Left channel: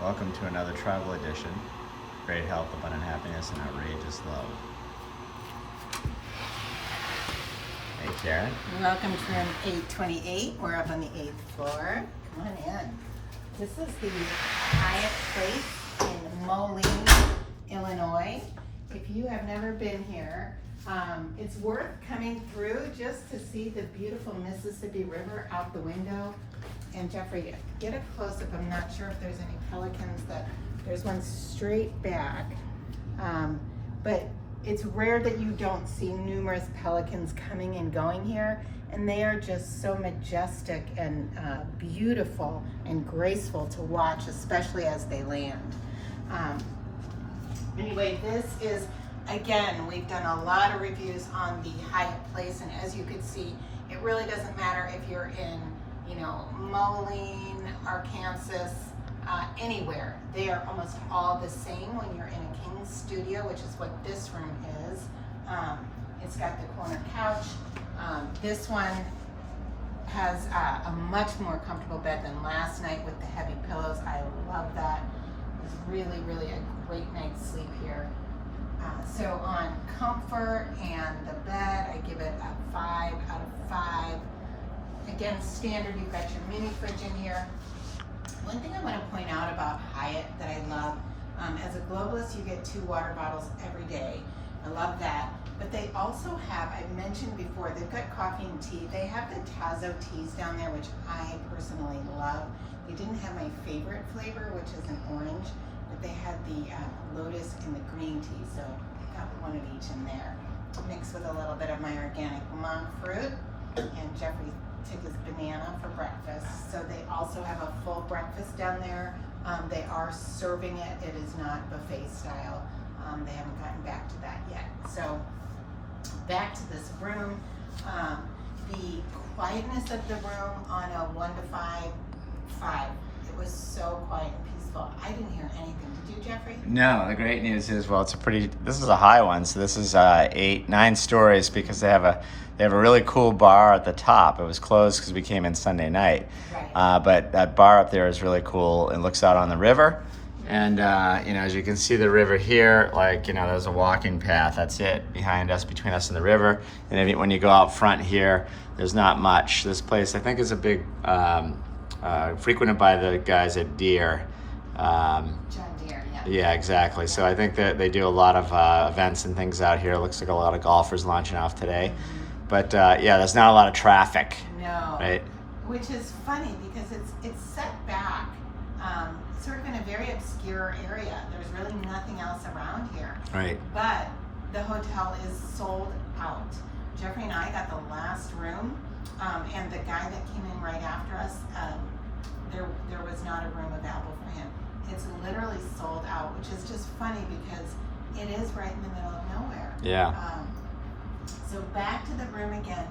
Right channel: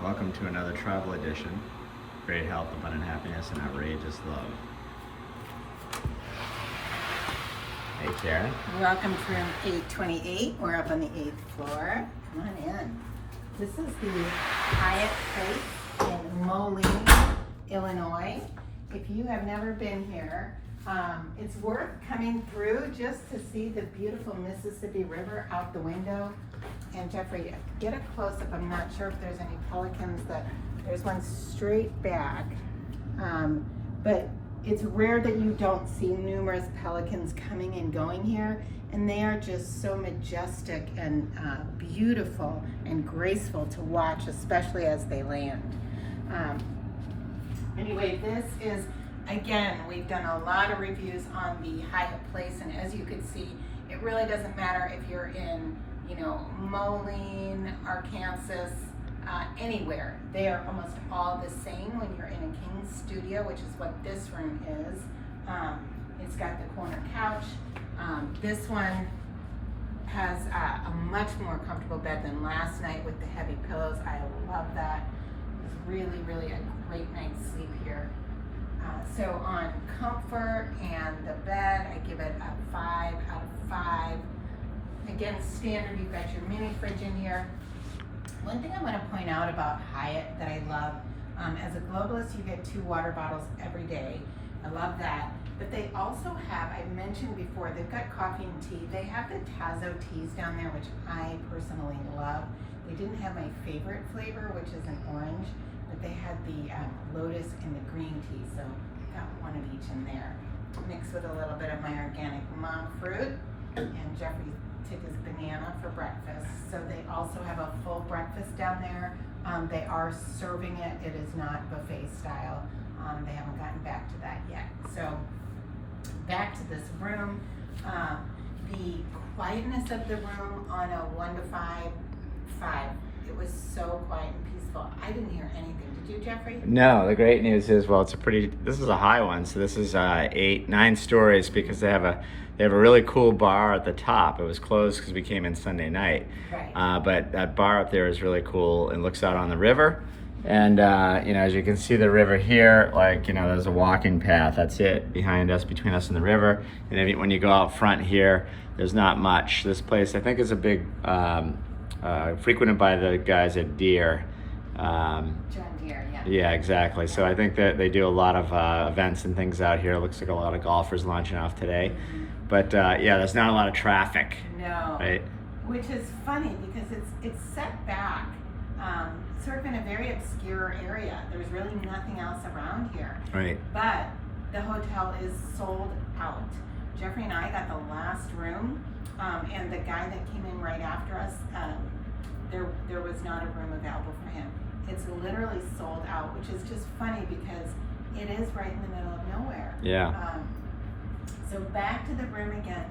Welcome to another travel edition. Great health, abundant happiness, and outrageous love. Hey, Karen. Welcome to room 828. We're up on the 8th floor. Come on in. This is the Hyatt place in Moline, Illinois. If you have never been here, it's worth coming through just to see the beautiful Mississippi River out the window. And Jeffrey, get a close-up. I'm not sure if there's any pelicans. There's one straight back. But it's rare that you don't see numerous pelicans coming and going here. And they are just so majestic and beautiful and graceful to watch, especially as they land. Anyway, this is, again, we've done a lot of reviews on the Hyatt place, and as you can see, it really doesn't matter if you're in, Moline, Arkansas, anywhere. They are almost all the same when you're in a king studio, which is what this room is. It's got the corner couch. This one has a much more comfortable bed than last night with the heavy pillows. I love that. It's really, really a great night's sleep here. So on comfort and the bed, I give it a 5 out of 5. Again, standard, you've got your mini fridge in here. One thing I want to point out about Hyatt that I love, as a globalist, you get 2 water bottles every day. I love that. But they also have, I mentioned before, they've got coffee and tea. They have the Tazo teas down there, which I personally love. They didn't have my favorite flavor, which is an orange, but they had the lotus and the green tea, so I got one of each in there. Mixed with a little bit of my organic monk fruit, and Jeffrey took his banana for breakfast. So they also have a full breakfast down there. They are serving it. It is not buffet style. They haven't gotten back to that yet. So back to this room. The quietness of the room on a 1 to 5. It was so quiet and peaceful. I didn't hear anything. Did you, Jeffrey? No, the great news is, well, this is a high one. So this is 9 stories because they have a really cool bar at the top. It was closed because we came in Sunday night. Right. But that bar up there is really cool and looks out on the river. And, as you can see the river here, there's a walking path. That's it, behind us, between us and the river. And then when you go out front here, there's not much. This place, I think, is a big, frequented by the guys at Deere. John Deere, yeah. Yeah, exactly. So I think that they do a lot of events and things out here. It looks like a lot of golfers launching off today. Mm-hmm. But, there's not a lot of traffic. No. Right? Which is funny because it's set back. Sort of in a very obscure area. There's really nothing else around here. Right. But the hotel is sold out. Jeffrey and I got the last room, and the guy that came in right after us, there was not a room available for him. It's literally sold out, which is just funny because it is right in the middle of nowhere. Yeah. So back to the room again.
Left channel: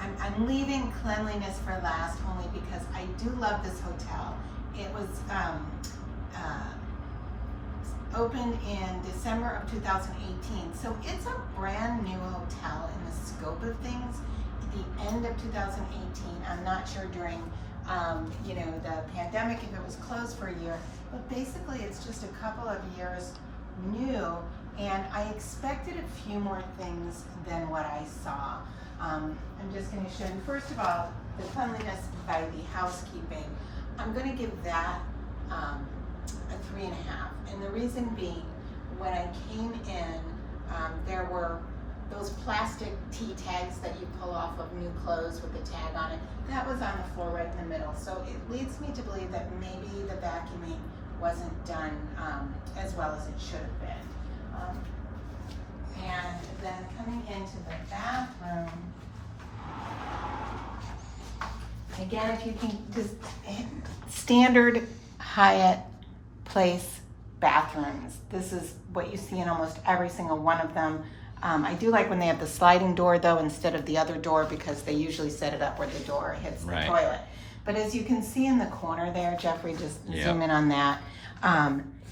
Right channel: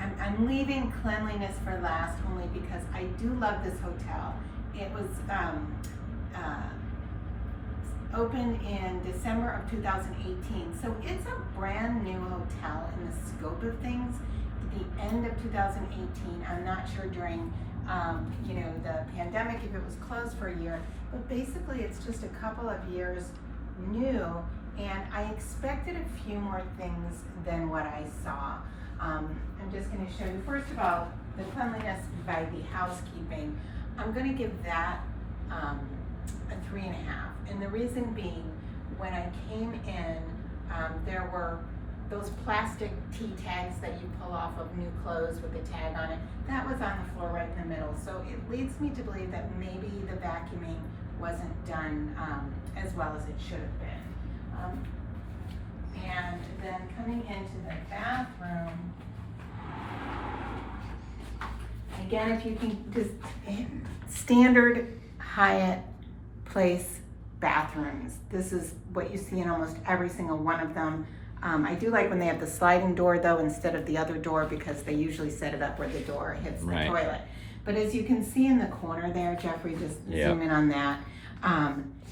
I'm leaving cleanliness for last only because I do love this hotel. It was opened in December of 2018, so it's a brand new hotel in the scope of things. At the end of 2018, I'm not sure during the pandemic if it was closed for a year, but basically it's just a couple of years new, and I expected a few more things than what I saw. I'm just going to show you, first of all, the cleanliness by the housekeeping. I'm going to give that a 3.5. And the reason being, when I came in, there were those plastic T tags that you pull off of new clothes with the tag on it. That was on the floor right in the middle. So it leads me to believe that maybe the vacuuming wasn't done as well as it should have been. And then coming into the bathroom, again, if you can just standard Hyatt place bathrooms. This is what you see in almost every single one of them. I do like when they have the sliding door though instead of the other door because they usually set it up where the door hits the toilet. But as you can see in the corner there, Jeffrey, just zoom in on that.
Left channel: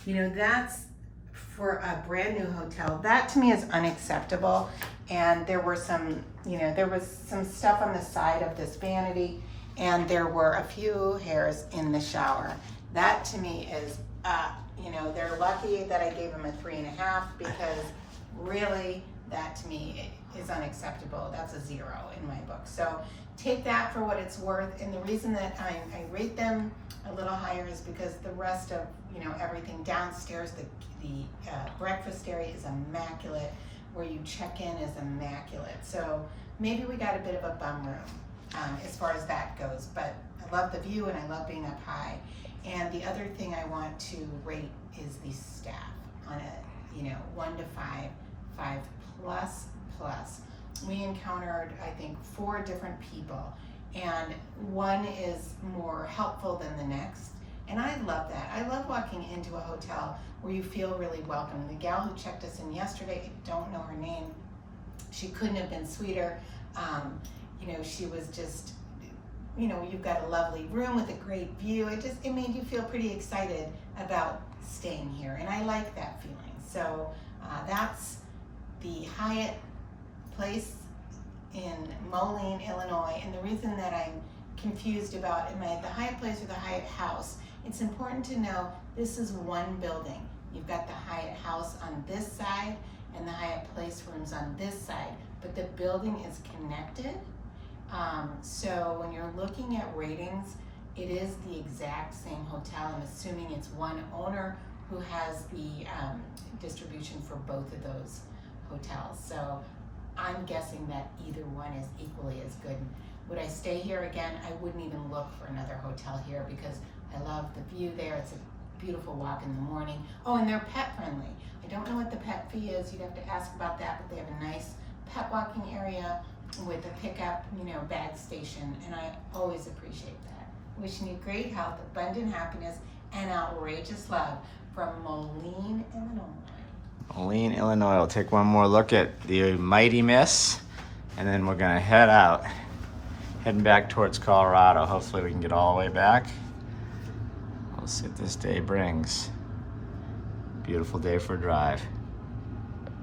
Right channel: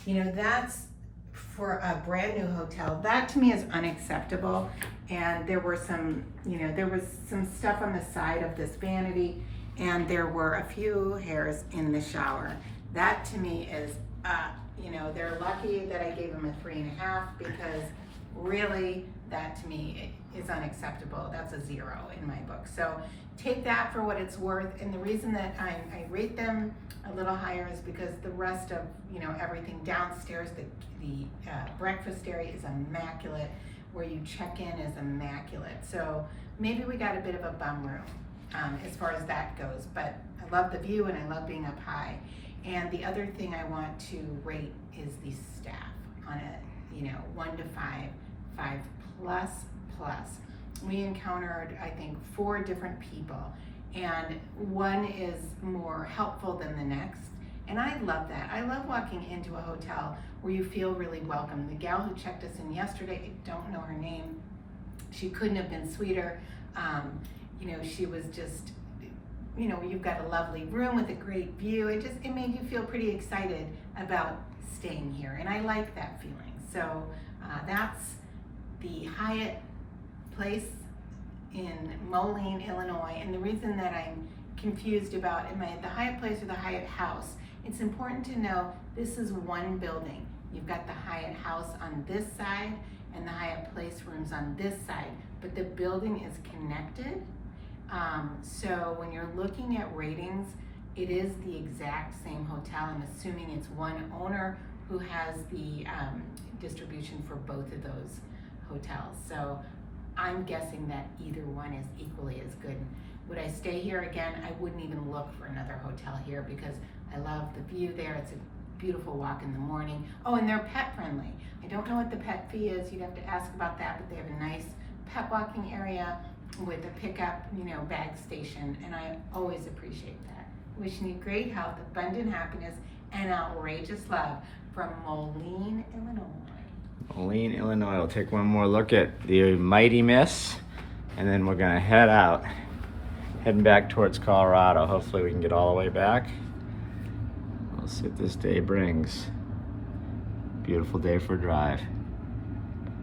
That's for a brand new hotel. That to me is unacceptable. And there were some, there was some stuff on the side of this vanity, and there were a few hairs in the shower. That to me is, you know, they're lucky that I gave them a 3.5, because really, that to me is unacceptable. That's a 0 in my book. So take that for what it's worth. And the reason that I rate them a little higher is because the rest of, you know, everything downstairs, the breakfast area is immaculate, where you check in is immaculate. So maybe we got a bit of a bum room as far as that goes, but I love the view and I love being up high. And the other thing I want to rate is the staff on a, you know, 1 to 5, 5 plus. We encountered, I think, 4 different people, and one is more helpful than the next. And I love that. I love walking into a hotel where you feel really welcome. The gal who checked us in yesterday, I don't know her name, she couldn't have been sweeter. You know, she was just, you know, you've got a lovely room with a great view. It made you feel pretty excited about staying here, and I like that feeling. So that's the Hyatt place in Moline, Illinois. And the reason that I'm confused about, am I at the Hyatt place or the Hyatt house? It's important to know this is one building. You've got the Hyatt house on this side and the Hyatt place rooms on this side, but the building is connected. So when you're looking at ratings, it is the exact same hotel. I'm assuming it's one owner who has the distribution for both of those hotels. So I'm guessing that either one is equally as good. Would I stay here again? I wouldn't even look for another hotel here, because I love the view there. It's a beautiful walk in the morning. Oh, and they're pet friendly. I don't know what the pet fee is. You'd have to ask about that, but they have a nice pet walking area with a pickup, you know, bag station, and I always appreciate that. Wishing you great health, abundant happiness, and outrageous love from Moline, Illinois. Moline, Illinois. We'll take one more look at the Mighty Miss, and then we're gonna head out, heading back towards Colorado. Hopefully we can get all the way back. We'll see what this day brings. Beautiful day for a drive.